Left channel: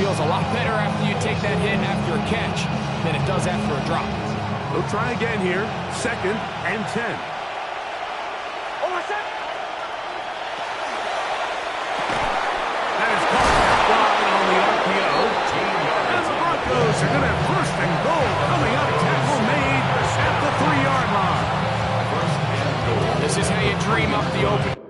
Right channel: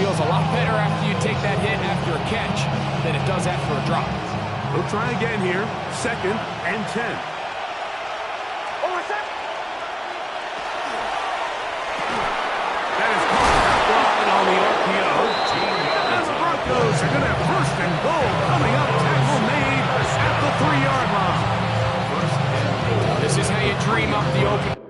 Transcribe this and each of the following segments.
feels a lot better after you take that hit after a catch than it does after a drop. We'll try again here. 2nd and 10. That is caught out wide on the RPO. And the Broncos are going to have 1st and goal coming up. Tackle made at the 3-yard line. 1st and goal. This is how you dream up the open.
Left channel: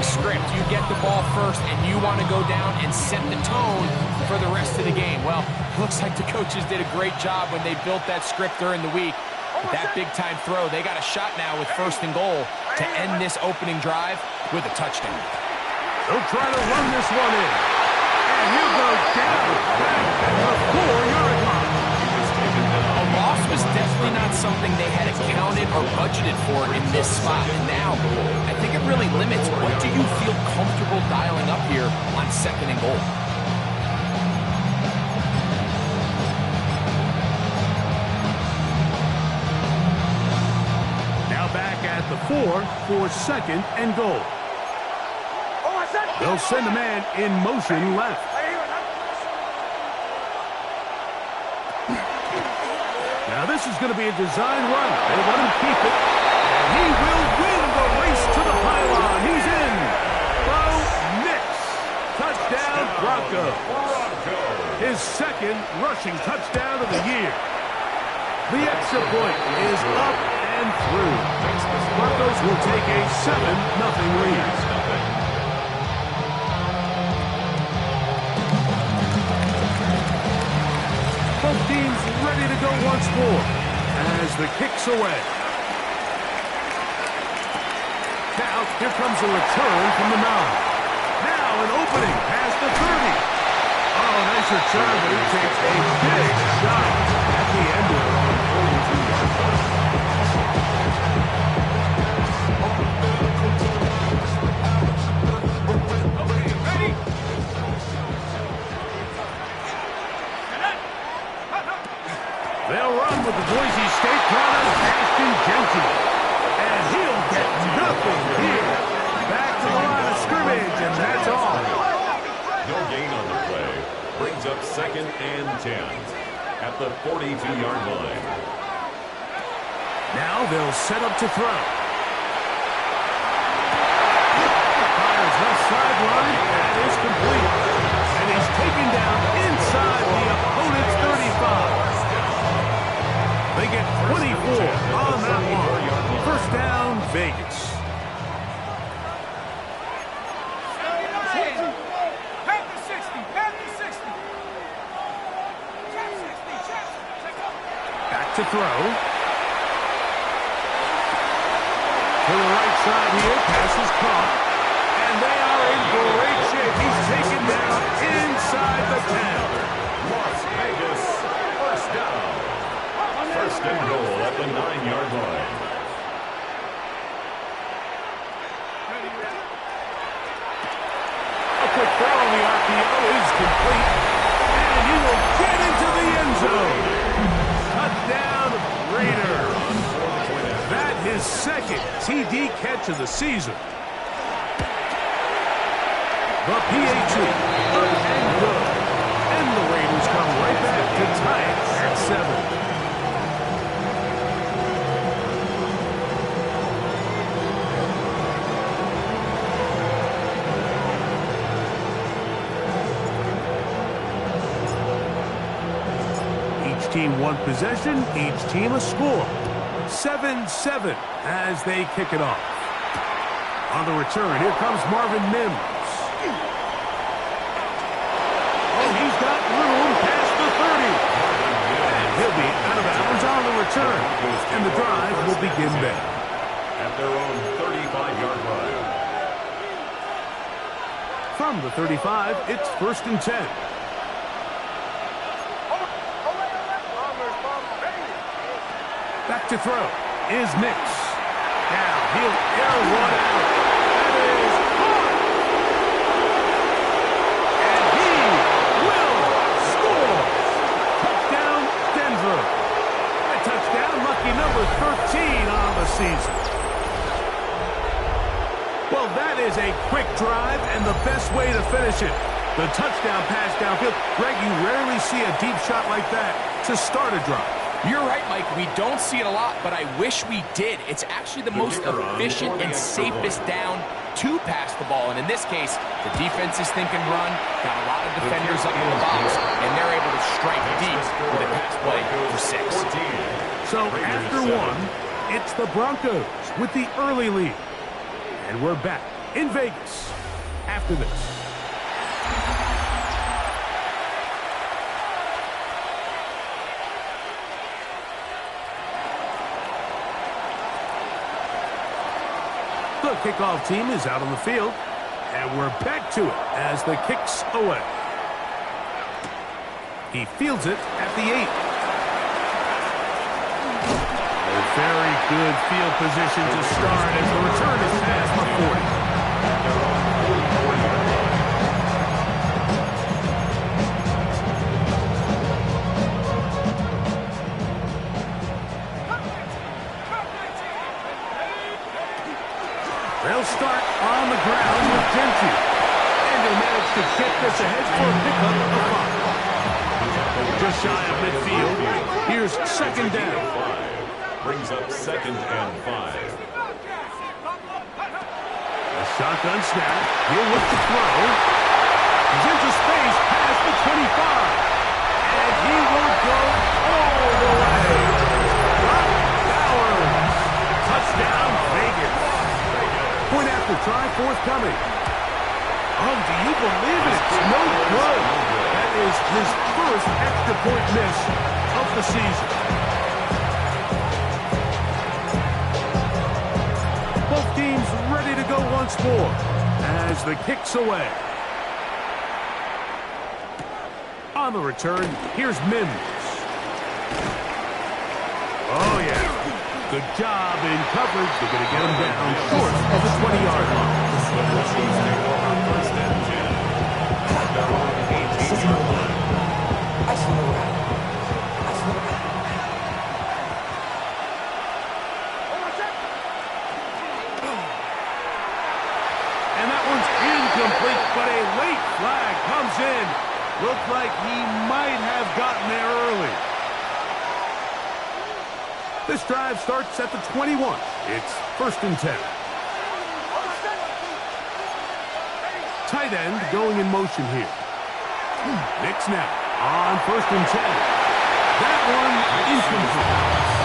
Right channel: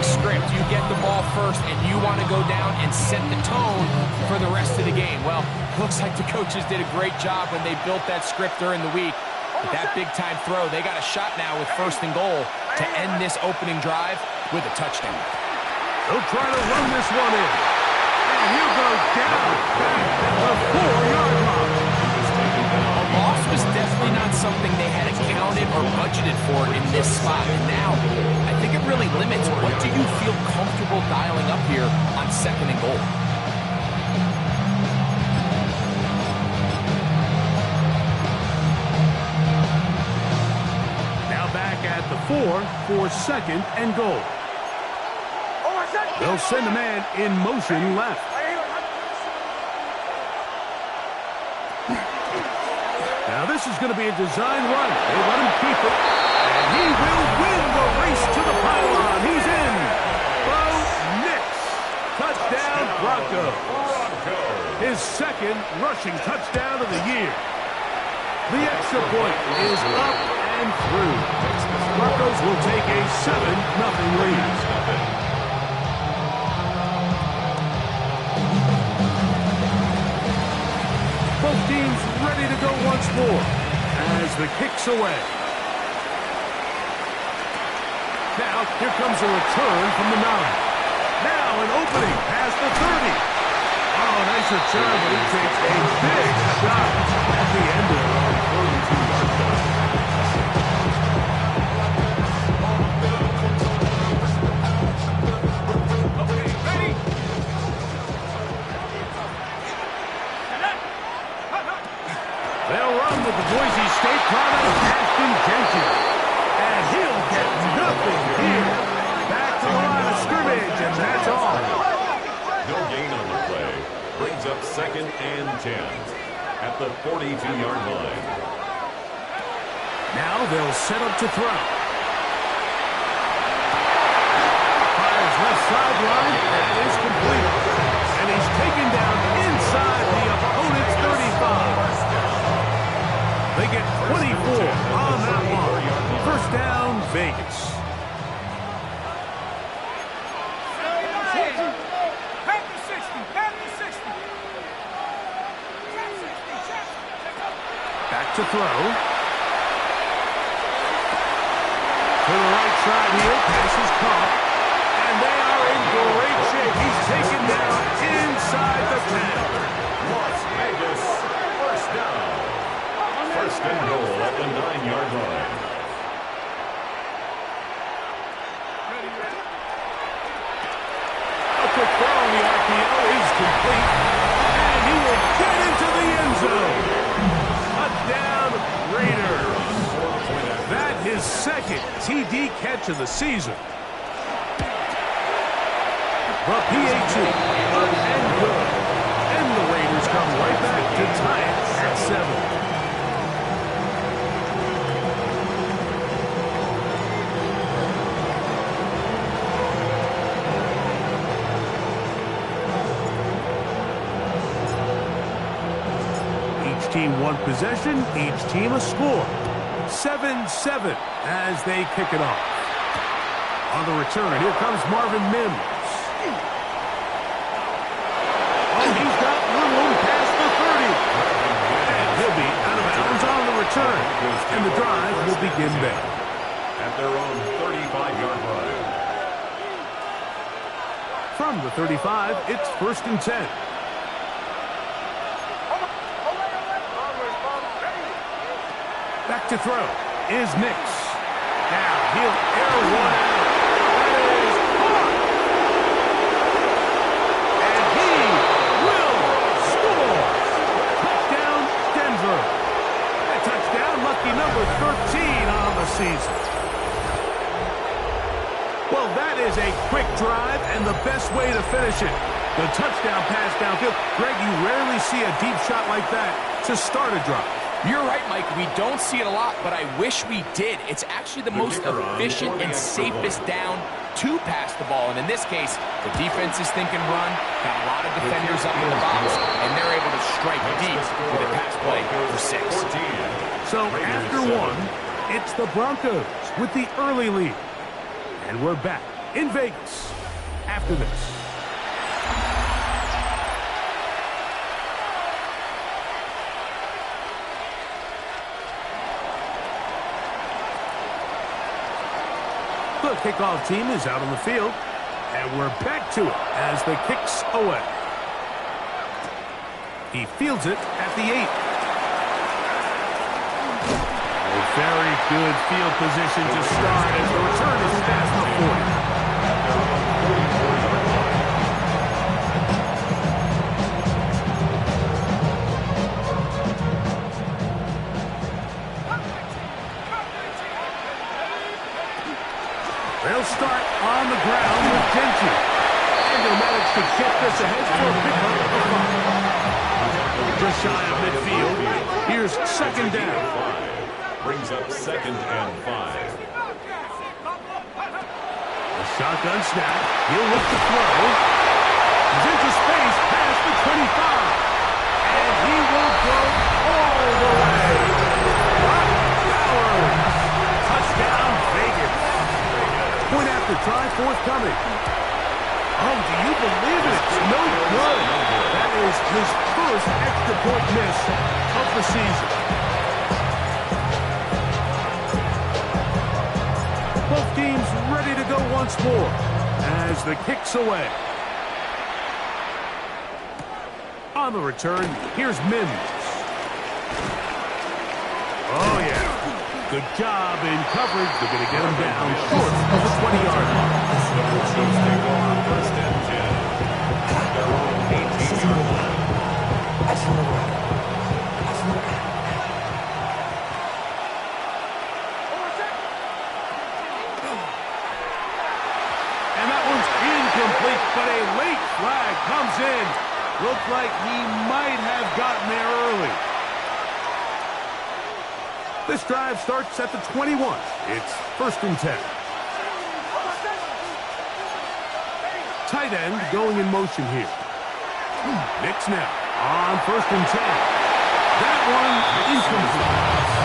Script, you get the ball first and you want to go down and set the tone for the rest of the game. Well, looks like the coaches did a great job when they built that script during the week. With that big time throw, they got a shot now with 1st and goal to end this opening drive with a touchdown. They'll try to run this one in. And he'll go down back at the 4-yard line. A loss was definitely not something they had accounted or budgeted for in this spot. And now, I think it really limits what do you feel comfortable dialing up here on 2nd and goal. Now back at the 4 for 2nd and goal. They'll send a man in motion left. Now this is going to be a design run. They let him keep it. And he will win the race to the pylon. He's in. Bo Nix. Touchdown, Broncos. His 2nd rushing touchdown of the year. The extra point is up and through. Broncos will take a 7-0 lead. Both teams ready to go once more as the kick's away. Now, here comes a return from the 9. Now an opening past the 30. Oh, nice return, but he takes a big shot at the end of it on 42-yard line. They'll run with the Boise State product, Ashton Jenkins. And he'll get nothing here. Back to the line of scrimmage, and that's all. No gain on the play. Brings up 2nd and 10 at the 42-yard line. Now they'll set up to throw. Fires left sideline. That is complete. And he's taken down inside the opponent's 35. They get 24 on that one. 1st down, Vegas. Back to throw. To the right side here, pass is caught. And they are in great shape. He's taken down inside the 10. Las Vegas, 1st down. 1st and goal at the 9-yard line. A quick throw on the RPO is complete. And he will get into the end zone. Touchdown, Raiders. That his 2nd TD catch of the season. The PAT, up and good. And the Raiders come right back to tie it at 7. Team one possession, each team a score. 7-7 as they kick it off. On the return, here comes Marvin Mims. Oh, he's got room past the 30. And he'll be out of bounds on the return. And the drive will begin there. At their own 35-yard line. From the 35, it's 1st and 10. Back to throw is Nix. Now he'll air one out. That is hard. And he will score. Touchdown, Denver. A touchdown, lucky number 13 on the season. Well, that is a quick drive and the best way to finish it. The touchdown pass downfield. Greg, you rarely see a deep shot like that to start a drive. You're right, Mike. We don't see it a lot, but I wish we did. It's actually the most efficient and safest down to pass the ball. And in this case, the defense is thinking run, got a lot of defenders up in the box, and they're able to strike deep with a pass play for 6. So after one, it's the Broncos with the early lead. And we're back in Vegas after this. The kickoff team is out on the field, and we're back to it as the kick's away. He fields it at the 8. Very good field position to start as the return is past the 40. At their own 44-yard line. They'll start on the ground with Genty. And he'll manage to get this ahead for a pickup of 5. Just shy of midfield. Here's second down. Brings up 2nd and 5. A shotgun snap. He'll look to throw. He's into space past the 25. And he will go all the way. Brock Bowers. Touchdown, Vegas. Point after try, forthcoming. Oh, do you believe it? It's no good. That is his first extra point miss of the season. Both teams ready to go once more as the kick's away. On the return, here's Mims. Oh, yeah. Good job in coverage. They're going to get him down short of the 20-yard line. The Broncos take over 1st and 10. At their own 18-yard line. And that one's incomplete, but a late flag comes in. Looks like he might have gotten there early. This drive starts at the 21. It's 1st and 10. Tight end going in motion here. Nix now on 1st and 10. That one incomplete.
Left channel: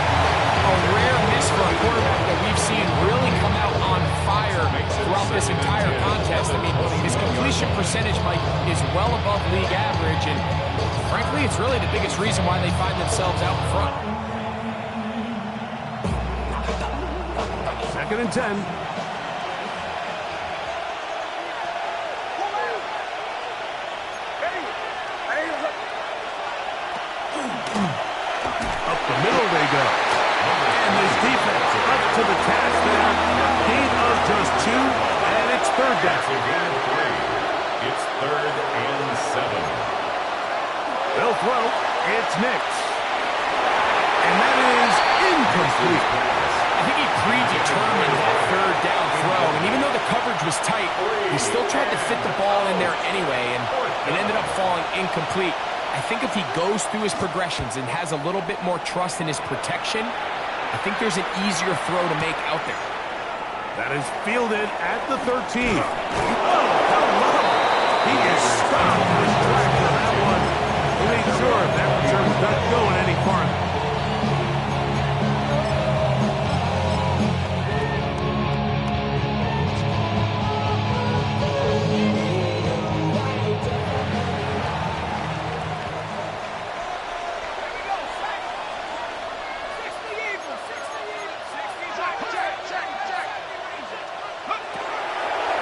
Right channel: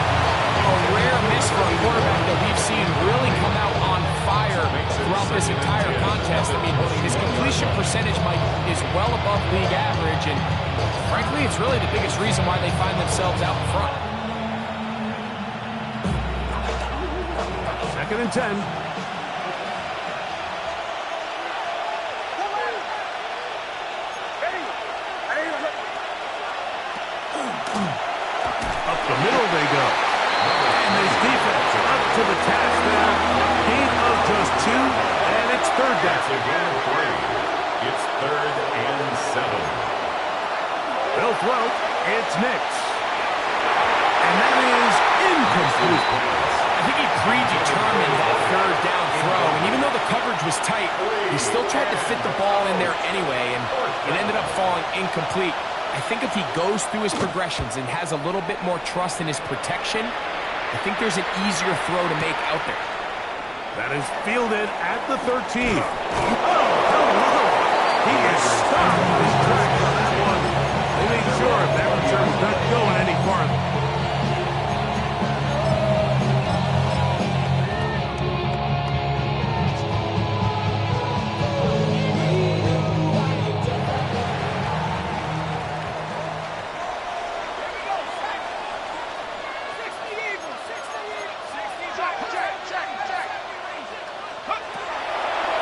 A rare miss for a quarterback that we've seen really come out on fire throughout this entire contest. I mean, his completion percentage, Mike, is well above league average, and frankly, it's really the biggest reason why they find themselves out in front. 2nd and 10. Up the middle they go. And this defense up to the task there. Gain of just 2, and it's 3rd down. That's a gain of 3. It's 3rd and 7. They'll throw. It's Nix. And that is incomplete. I think he predetermined that 3rd down throw, and even though the coverage was tight, he still tried to fit the ball in there anyway, and it ended up falling incomplete. I think if he goes through his progressions and has a little bit more trust in his protection, I think there's an easier throw to make out there. That is fielded at the 13. Oh, hello. He is stopped in his tracks on that one. They made sure that return was not going any farther.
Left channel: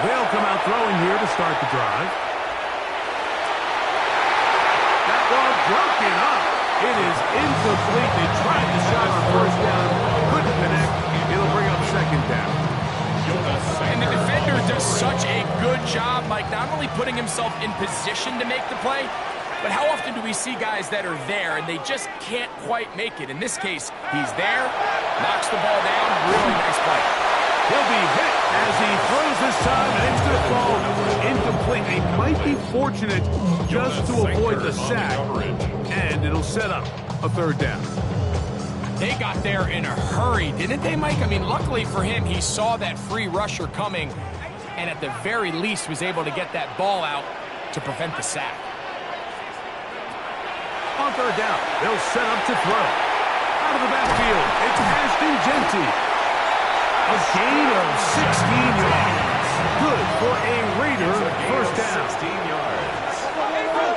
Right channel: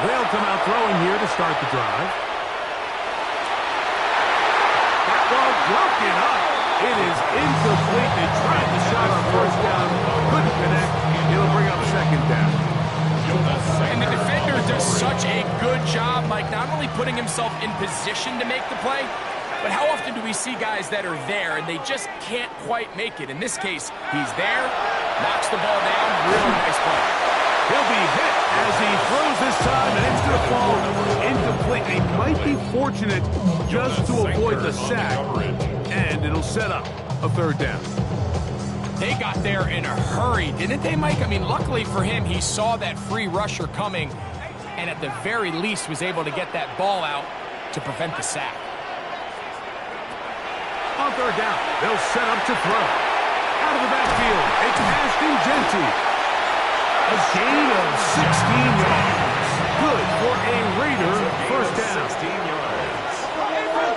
They'll come out throwing here to start the drive. That ball broken up. It is incomplete. They tried the shot on first down, couldn't connect. It'll bring up second down. And the defender does such a good job, Mike, not only putting himself in position to make the play, but how often do we see guys that are there and they just can't quite make it? In this case, he's there, knocks the ball down, really nice play. He'll be hit as he throws this time, and it's going to fall incomplete. He might be fortunate just to avoid the sack, and it'll set up a third down. They got there in a hurry, didn't they, Mike? I mean, luckily for him, he saw that free rusher coming, and at the very least was able to get that ball out to prevent the sack. On third down, they'll set up to throw. Out of the backfield, it's Ashton Jeanty. A gain of 16 yards. Good for a Raider first down. 16 yards.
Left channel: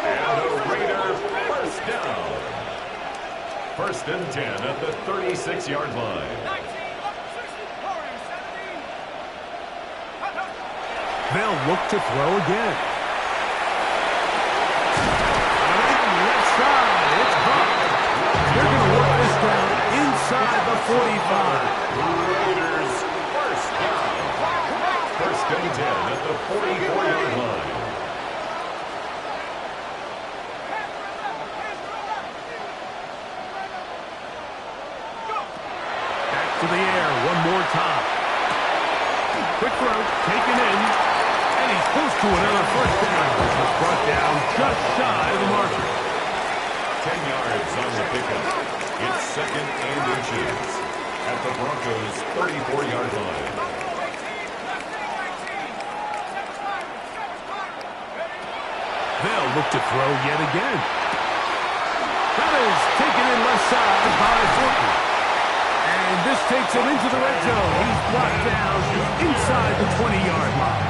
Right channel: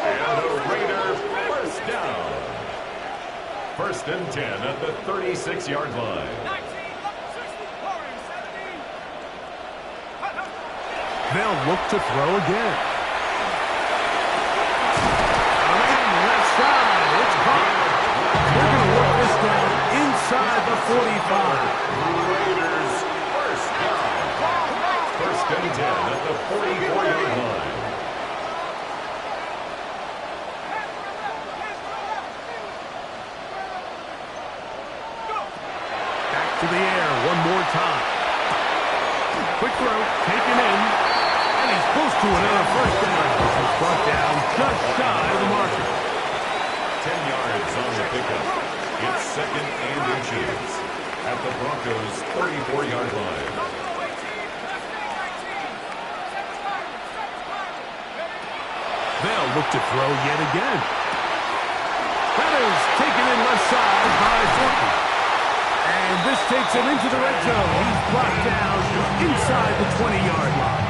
And a Raider first down. First and 10 at the 36-yard line. They'll look to throw again. On left side, it's caught. They're going to work this down inside the 45. Raiders first down. First and 10 at the 44-yard line. To the air one more time. Quick throw, taken in, and he's close to another first down. This is brought down just shy of the marker. 10 yards on the pickup. It's second and inches at the Broncos' 34-yard line. They'll look to throw yet again. That is taken in left side by Thornton. And this takes him into the red zone. He's brought down inside the 20-yard line.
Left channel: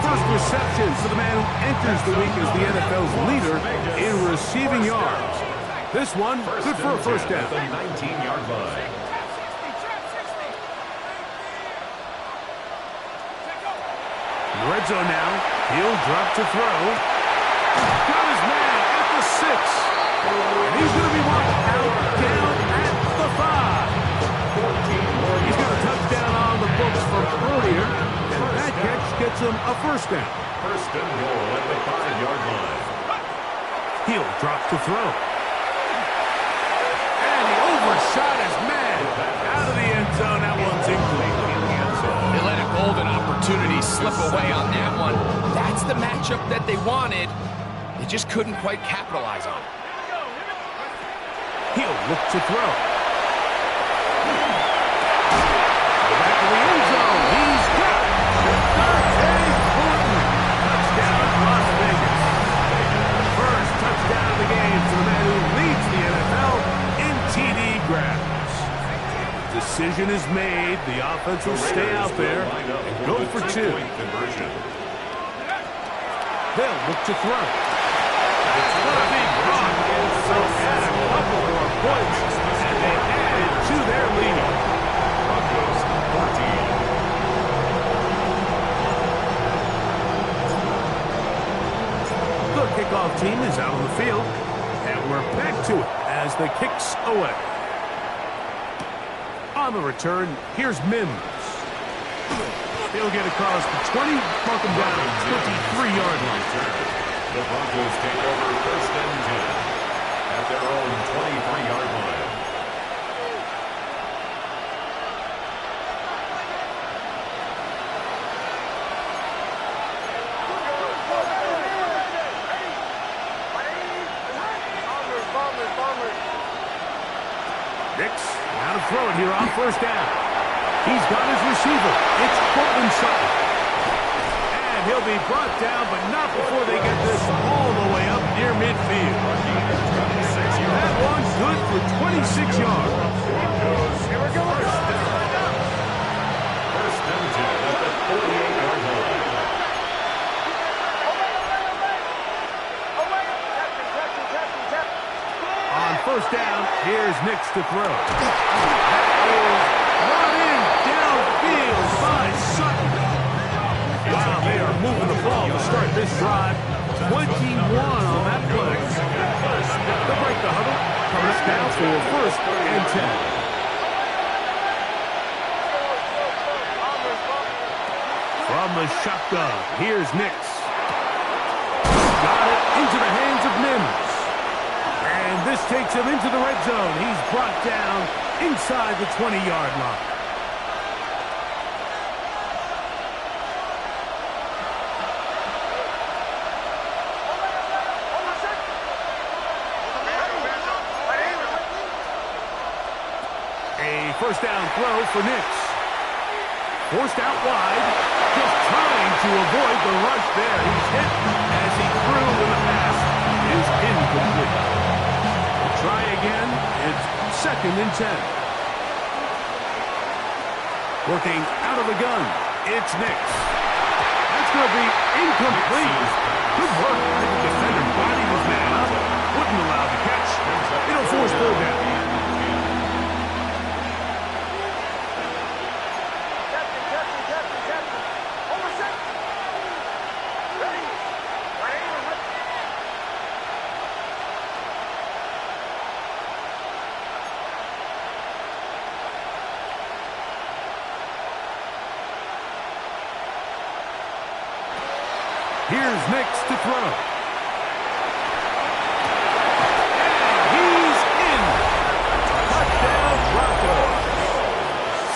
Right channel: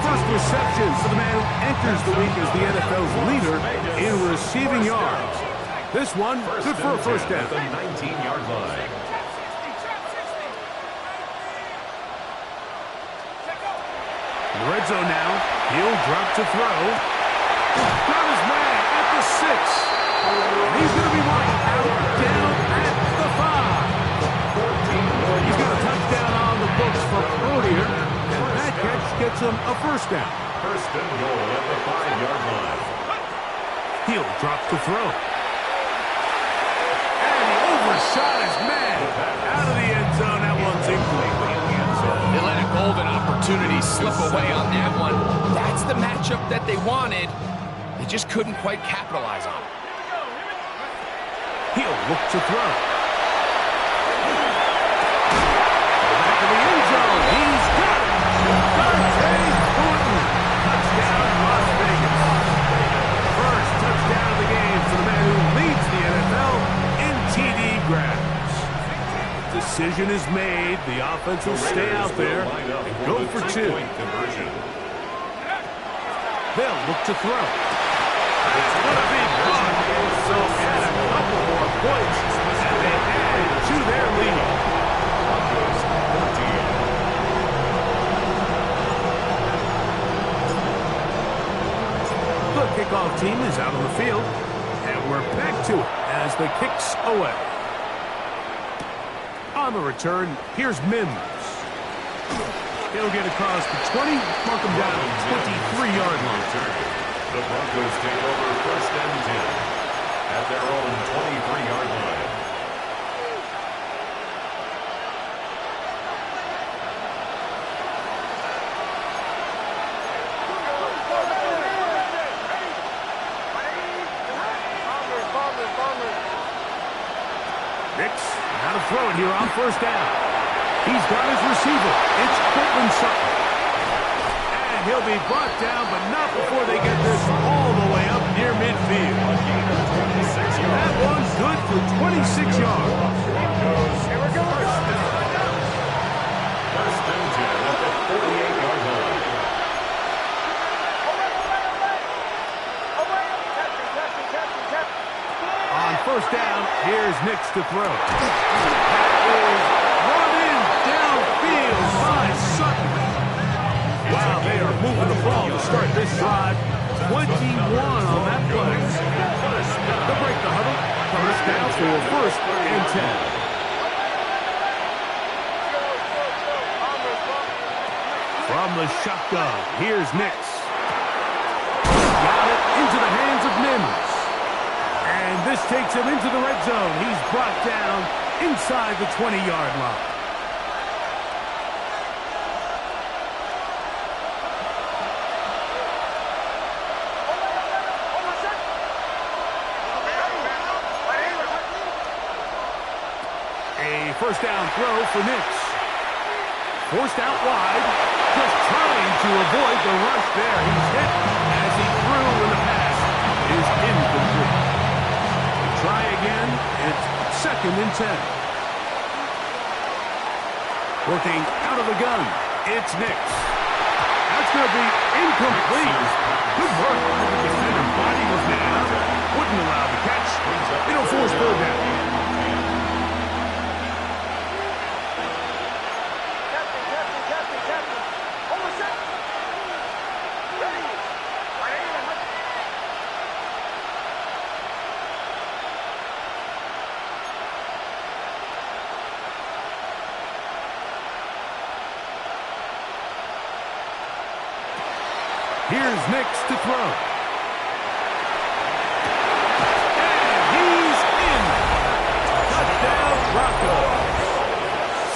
First reception for the man who enters the week as the NFL's leader in receiving yards. This one, good for a first down. The 19-yard line. In the red zone now, he'll drop to throw. Got his man at the 6. And he's going to be marked out down at the 5. He's got a touchdown on the books from earlier, and that catch gets him a first down. First and goal at the 5-yard line. He'll drop to throw. And he overshot his man. Out of the end zone, that one's incomplete. They let a golden opportunity slip away on that one. That's the matchup that they wanted. They just couldn't quite capitalize on it. He'll look to throw. Back to the end zone. He's got it. Dante Thornton. Touchdown, Las Vegas. First touchdown of the game for the man who leads the NFL in TD grabs. Decision is made. The offense will stay out there and go for 2. They'll look to throw. That's going to be caught. So add a couple more points, and they add to their lead. Broncos 14. The kickoff team is out on the field, and we're back to it as the kick's away. On the return, here's Mims. He'll get across the 20, mark him down at the 23-yard line. The Broncos take over first and 10 at their own 23-yard line. Nix, now to throw it here on first down. He's got his receiver. It's Courtland Sutton. And he'll be brought down, but not before they get this all the way up near midfield. That one's good for 26 yards. Here we go. First and 10 at the 48-yard line. On first down, here's Nix to throw. That is brought in downfield by Sutton. Wow, they are moving the ball to start this drive. 21 on that play. They'll break the huddle. Coming up now for 1st and 10. From the shotgun, here's Nix. Got it into the hands of Mims. And this takes him into the red zone. He's brought down inside the 20-yard line. A first down throw for Nix. Forced out wide, just trying to avoid the rush there. He's hit as he threw when the pass is incomplete. We'll try again. It's 2nd and 10. Working out of the gun. It's Nix. That's going to be incomplete. Good work. The defender bodied his man up. Wouldn't allow the catch. It'll force 3rd down. Here's Nix to throw. And he's in. Touchdown, Broncos.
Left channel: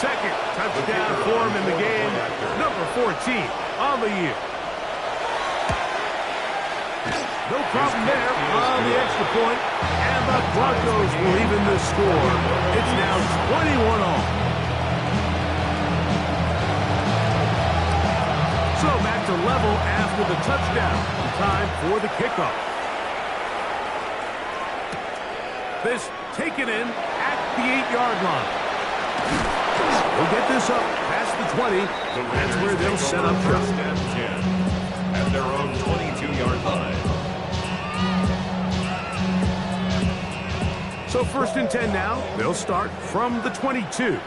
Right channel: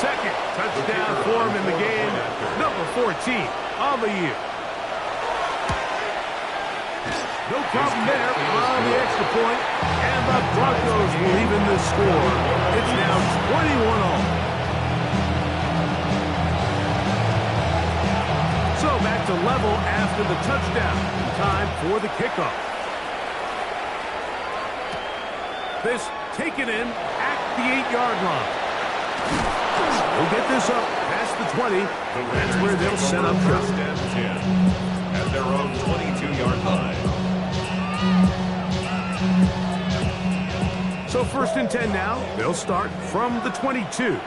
2nd touchdown for him in the game. Number 14 on the year. No problem there on the extra point. And the Broncos will even this score. It's now 21 all. So back to level after the touchdown. Time for the kickoff. This taken in at the 8-yard line. They'll get this up past the 20. That's where they'll set up shop. 1st and 10 at their own 22-yard line. So 1st and 10 now. They'll start from the 22.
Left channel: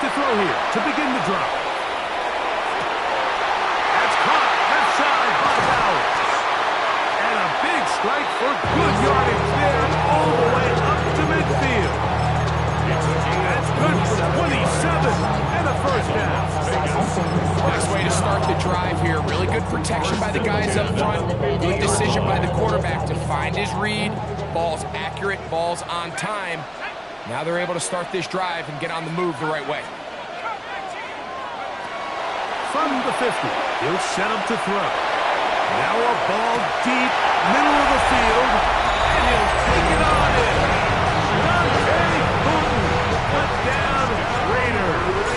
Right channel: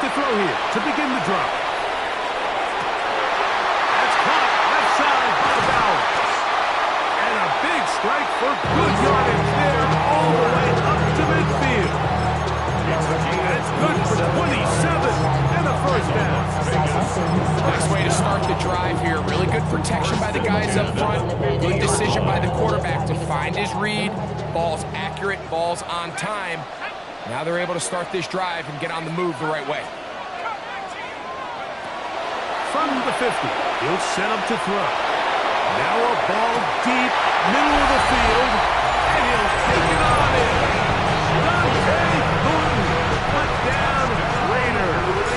To throw here to begin the drop. That's caught left side by Bowers. And a big strike for good yardage there all the way up to midfield. That's good for 27 and a 1st down. Nice way to start the drive here. Really good protection by the guys up front. Good decision by the quarterback to find his read. Ball's accurate, ball's on time. Now they're able to start this drive and get on the move the right way. From the 50, he'll set up to throw. Now a ball deep, middle of the field, and he'll take it on in. Dante Thornton, touchdown Raiders.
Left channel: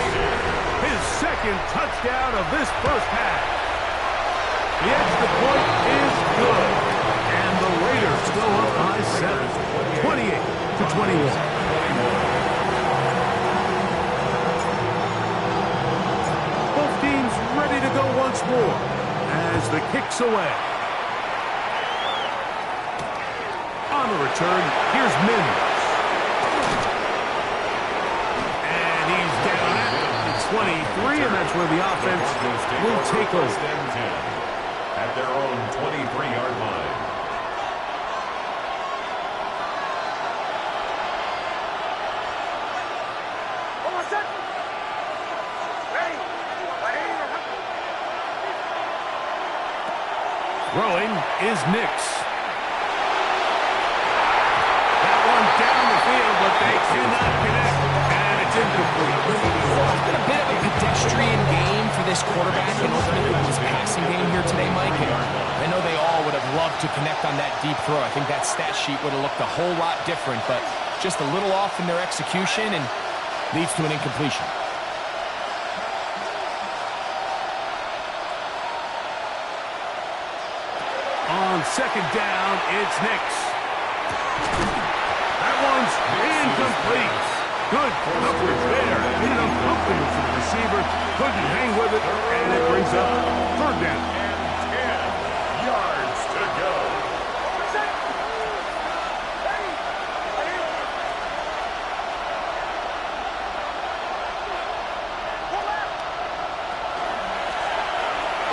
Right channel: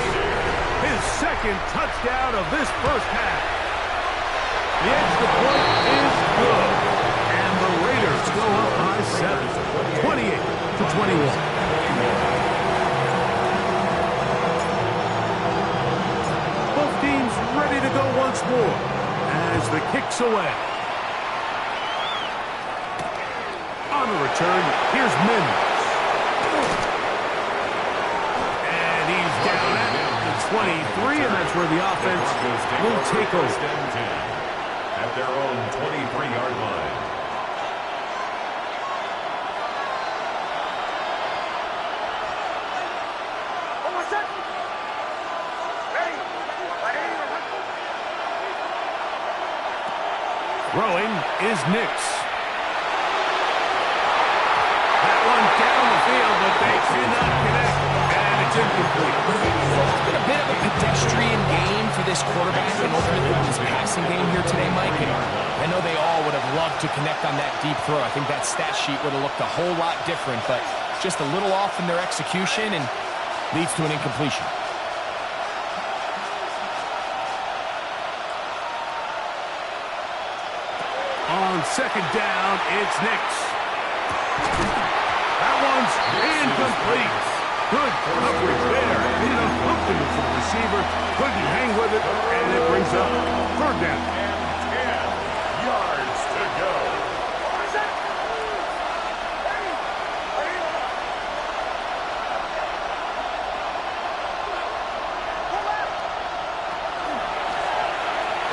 His 2nd touchdown of this 1st half. The extra point is good, and the Raiders go up by 7, 28-21. Both teams ready to go once more as the kick's away. On the return, here's Mims. And he's down at the 23, and that's where the offense will take over. 1st and 10 at their own 23-yard line. Throwing is Nix. That one down the field, but they cannot connect, and it's incomplete. It's been a bit of a pedestrian game for this quarterback and ultimately this passing game here today, Mike. And I know they all would have loved to connect on that deep throw. I think that stat sheet would have looked a whole lot different, but just a little off in their execution and leads to an incompletion. On 2nd down, it's Nix. That one's incomplete. Good coverage there. Made enough opening for the receiver. Couldn't hang with it, and it brings up 3rd down. And 10 yards to go.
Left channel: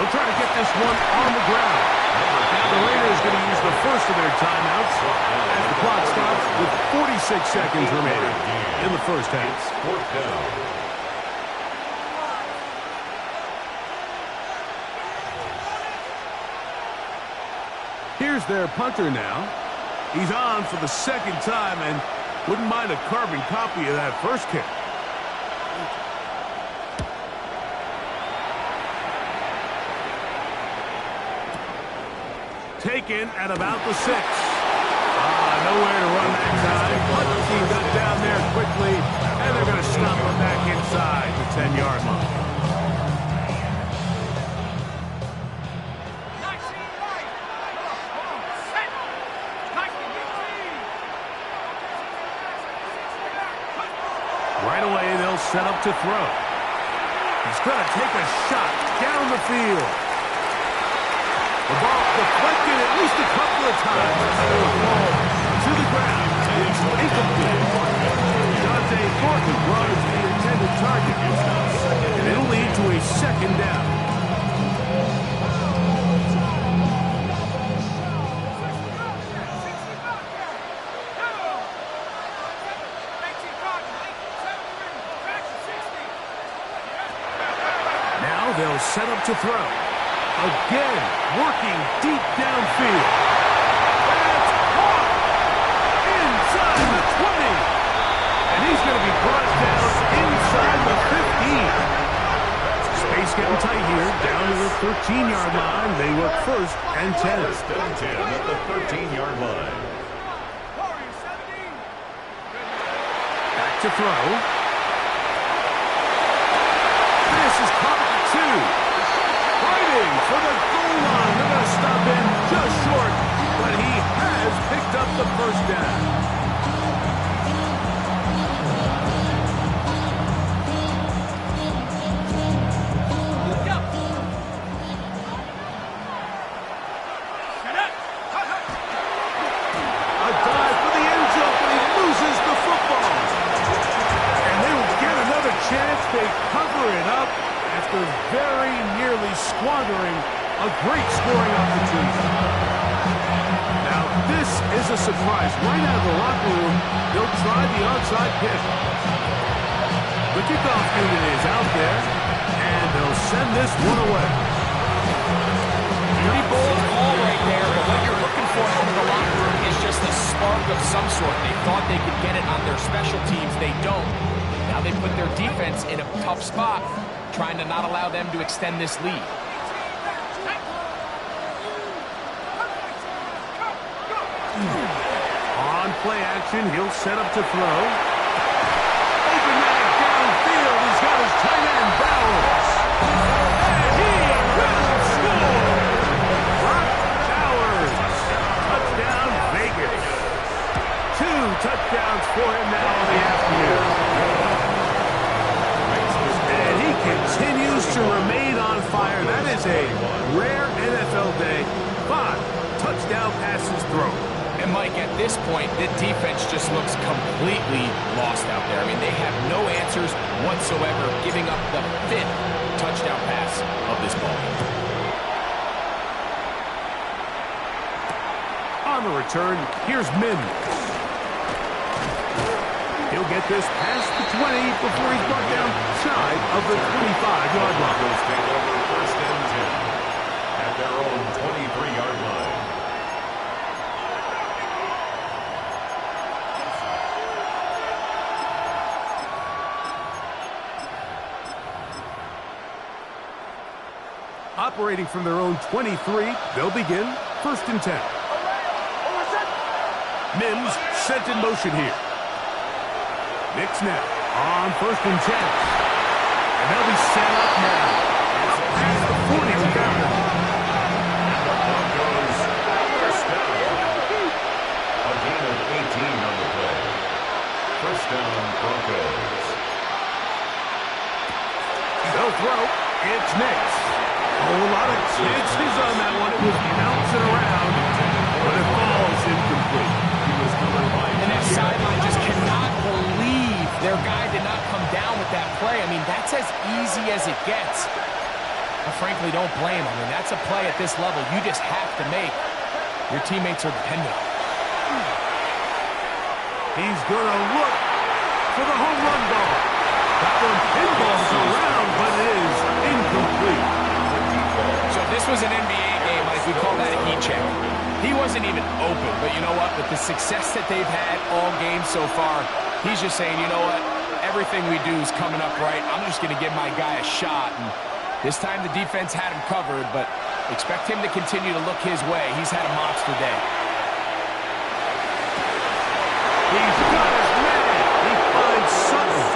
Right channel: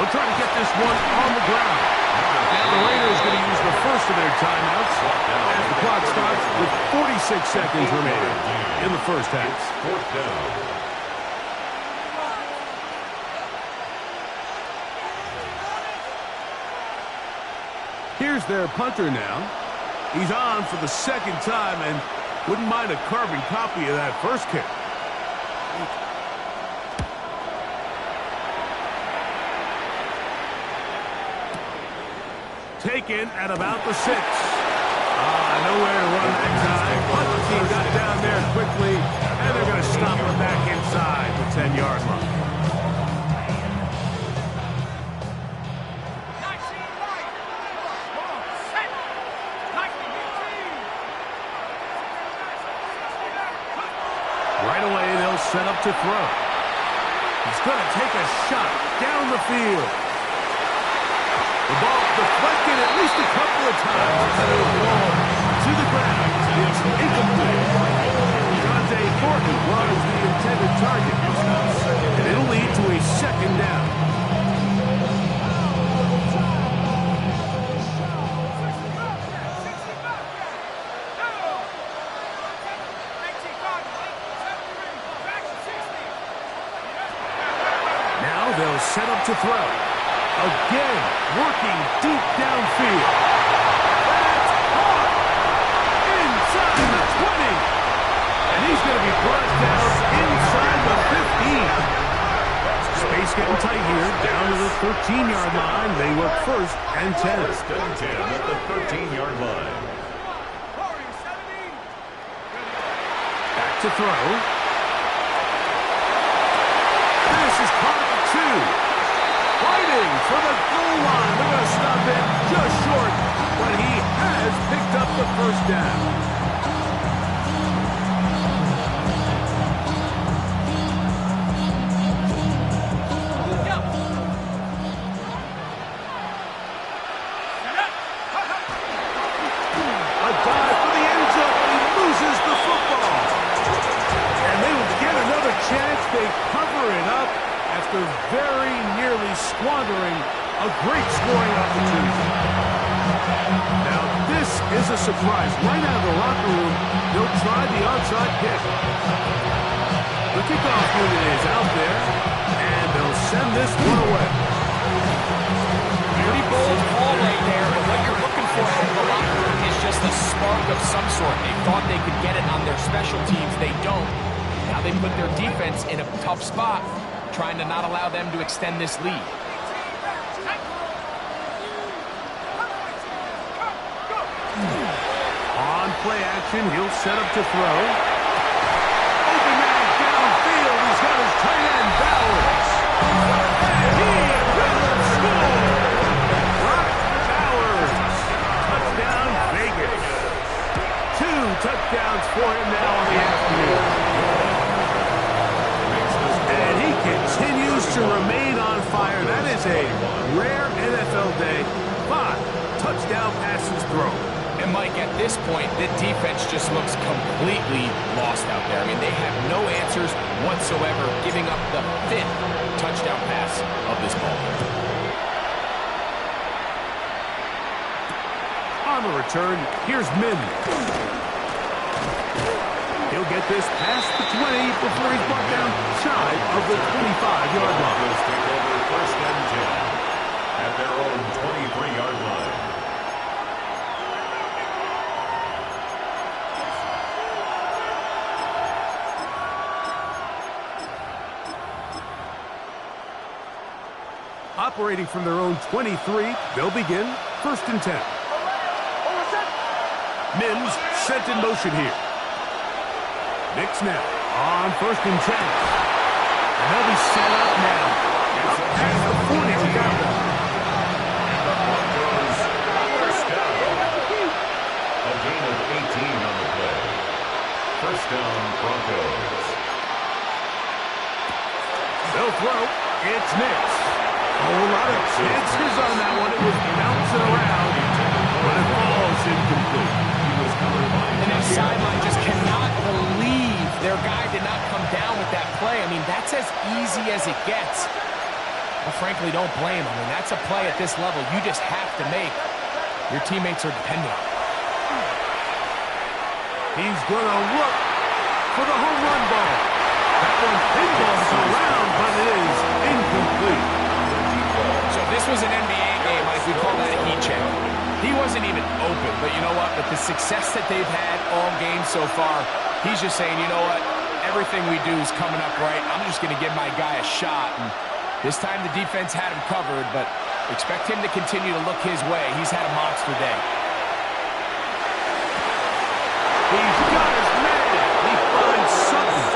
They'll try to get this one on the ground. Now the Raiders going to use the first of their timeouts as the clock stops with 46 seconds remaining in the first half. It's fourth down. Here's their punter now. He's on for the second time and wouldn't mind a carbon copy of that first kick. Taken at about the 6. Nowhere to run that time. Punt team got down there quickly, and they're going to stop her back inside the 10-yard line. Right away, they'll set up to throw. He's going to take a shot down the field. The ball deflected at least a couple of times and it will fall to the ground. It's incomplete. Dante Thornton was the intended target. And it'll lead to a second down. Now they'll set up to throw. Again, working deep downfield. That's caught inside the 20. And he's going to be brought down inside the 15. Space getting tight here, down to the 13-yard line. They work first and 10. First and 10 at the 13-yard line. Back to throw. This is caught at the 2. Fighting for the goal line. They're going to stop him just short, but he has picked up the first down. A dive for the end zone, but he loses the football. And they will get another chance. They cover it up after very nearly squandering a great scoring opportunity. Now, this is a surprise. Right out of the locker room, they'll try the onside kick. The kickoff unit is out there, and they'll send this one away. Pretty bold call right there, but what you're looking for out of the locker room is just a spark of some sort. They thought they could get it on their special teams. They don't. Now they put their defense in a tough spot, trying to not allow them to extend this lead. On play action, he'll set up to throw. Open man downfield. He's got his tight end, Bowers. And he will score. Brock Bowers. Touchdown, Vegas. 2 touchdowns for him now on the afternoon. And he continues to remain on fire. That is a rare NFL day. 5 touchdown passes thrown. And Mike, at this point, the defense just looks completely lost out there. I mean, they have no answers whatsoever, giving up the 5th touchdown pass of this ball game. On the return, here's Mims. He'll get this past the 20 before he's brought down shy of the 25-yard line. Broncos take over first and 10 at their own 23-yard line. Operating from their own 23, they'll begin first and 10. Mims sent in motion here. Knicks now on first and 10. And they'll be set up now. Up past the 40 with that one. And the Broncos first down. A gain of 18 on the play. First down, Broncos. They'll throw. It's Knicks. A whole lot of chances on that one. It was bouncing around, but it falls incomplete. He was covered by And that sideline just cannot believe their guy did not come down with that play. I mean, that's as easy as it gets. I frankly don't blame him. I mean, that's a play at this level you just have to make. Your teammates are dependent on it. He's going to look for the home run ball. That one pinballs around, but it is incomplete. So if this was an NBA game, Mike, we'd call that a heat check. He wasn't even open, but you know what? With the success that they've had all game so far, he's just saying, you know what? Everything we do is coming up right. I'm just going to give my guy a shot. And this time the defense had him covered, but expect him to continue to look his way. He's had a monster day. He's got his man. He finds Sutton.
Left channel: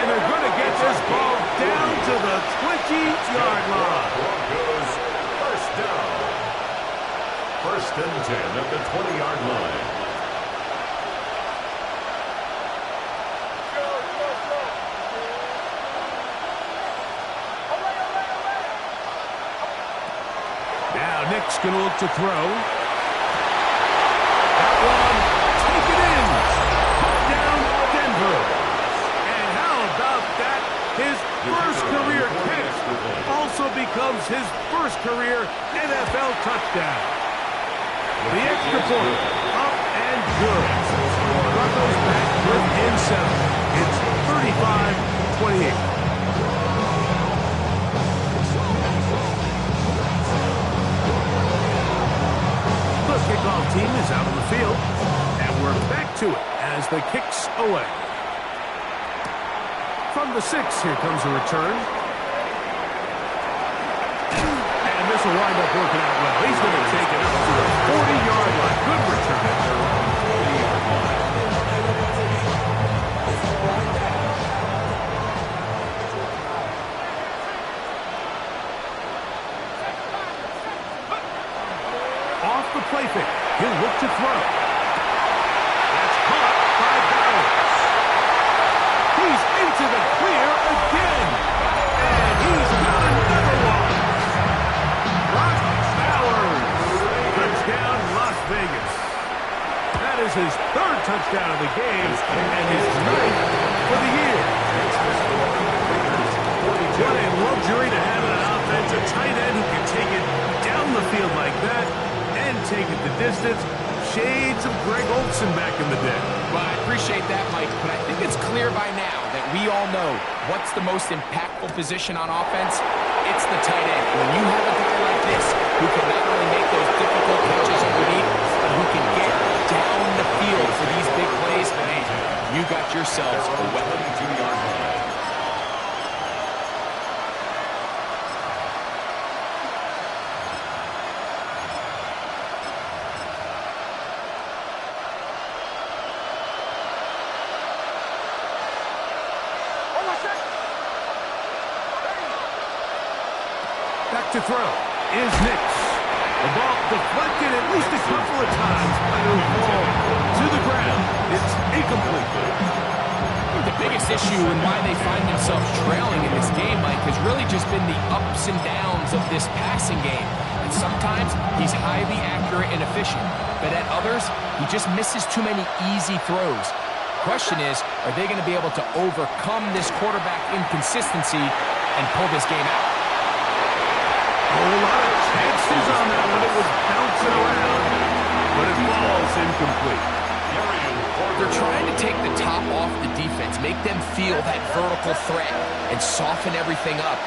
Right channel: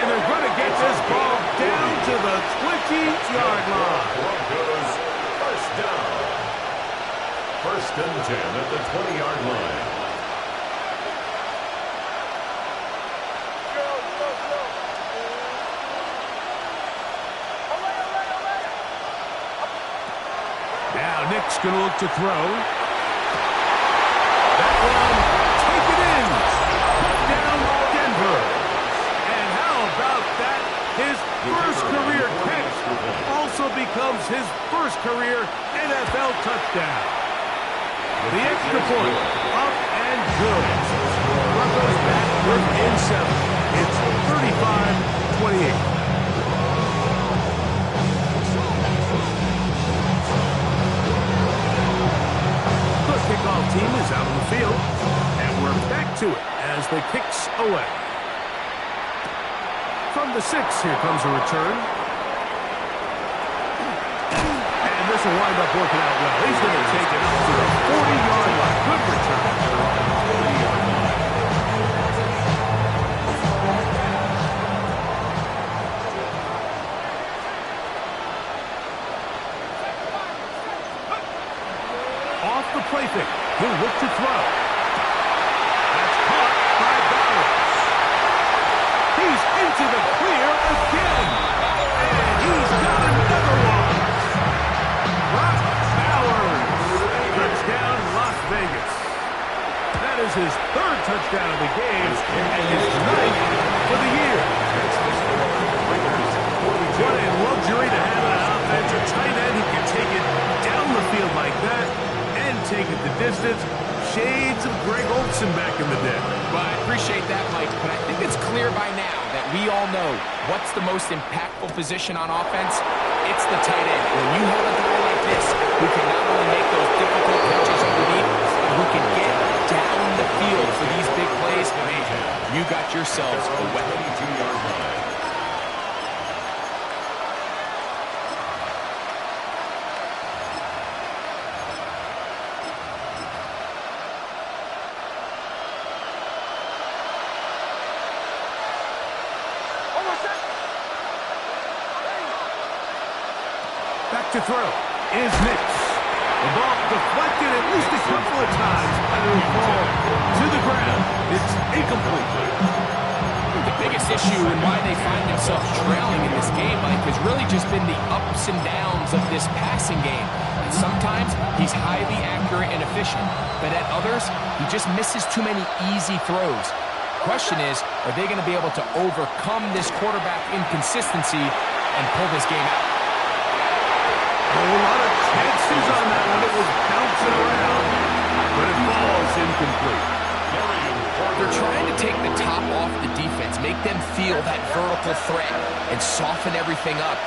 And they're going to get this ball down to the 20-yard line. Broncos first down. First and 10 at the 20-yard line. Now Nick's going to look to throw. That one, take it in. Down Denver. And how about that? His first career catch also becomes his first career NFL touchdown. The extra point, up and good. Broncos back within 7. It's 35-28. The kickoff team is out on the field, and we're back to it as the kick's away. From the 6, here comes a return. And this will wind up working out well. He's going to take it up to the 40-yard line. Good return. They're on the 40-yard line. Off the play fake. He'll look to throw. That's caught by Bowers. He's into the clear again. And he's got another one. Brock Bowers. Touchdown, Las Vegas. That is his 3rd touchdown of the game and his 9th for the year. What a luxury to have in an offense, a tight end who can take it down the field like that and take it the distance. Shades of Greg Olsen back in the day. Well, I appreciate that, Mike, but I think it's clear by now that we all know what's the most impactful position on offense. It's the tight end. When you have a guy like this who can not only make those difficult catches underneath, but who can get down the field for these big plays, man, you got yourselves a weapon. 22-yard line. Back to throw is Nix. The ball deflected at least a couple of times, and it'll fall to the ground. It's incomplete. The biggest issue and why they find themselves trailing in this game, Mike, has really just been the ups and downs of this passing game. And sometimes he's highly accurate and efficient, but at others, he just misses too many easy throws. Question is, are they going to be able to overcome this quarterback inconsistency and pull this game out? A whole lot of chances on that one. It was bouncing around, but it falls incomplete. They're trying to take the top off the defense, make them feel that vertical threat, and soften everything up.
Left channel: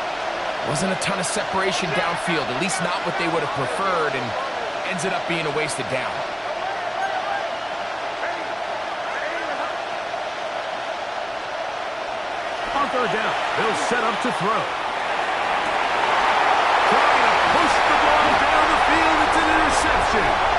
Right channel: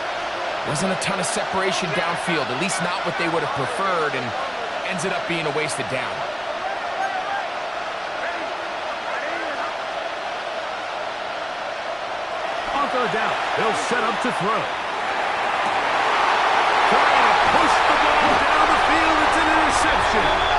Wasn't a ton of separation downfield, at least not what they would have preferred, and ends it up being a wasted down. On 3rd down, they'll set up to throw. Trying to push the ball down the field. It's an interception.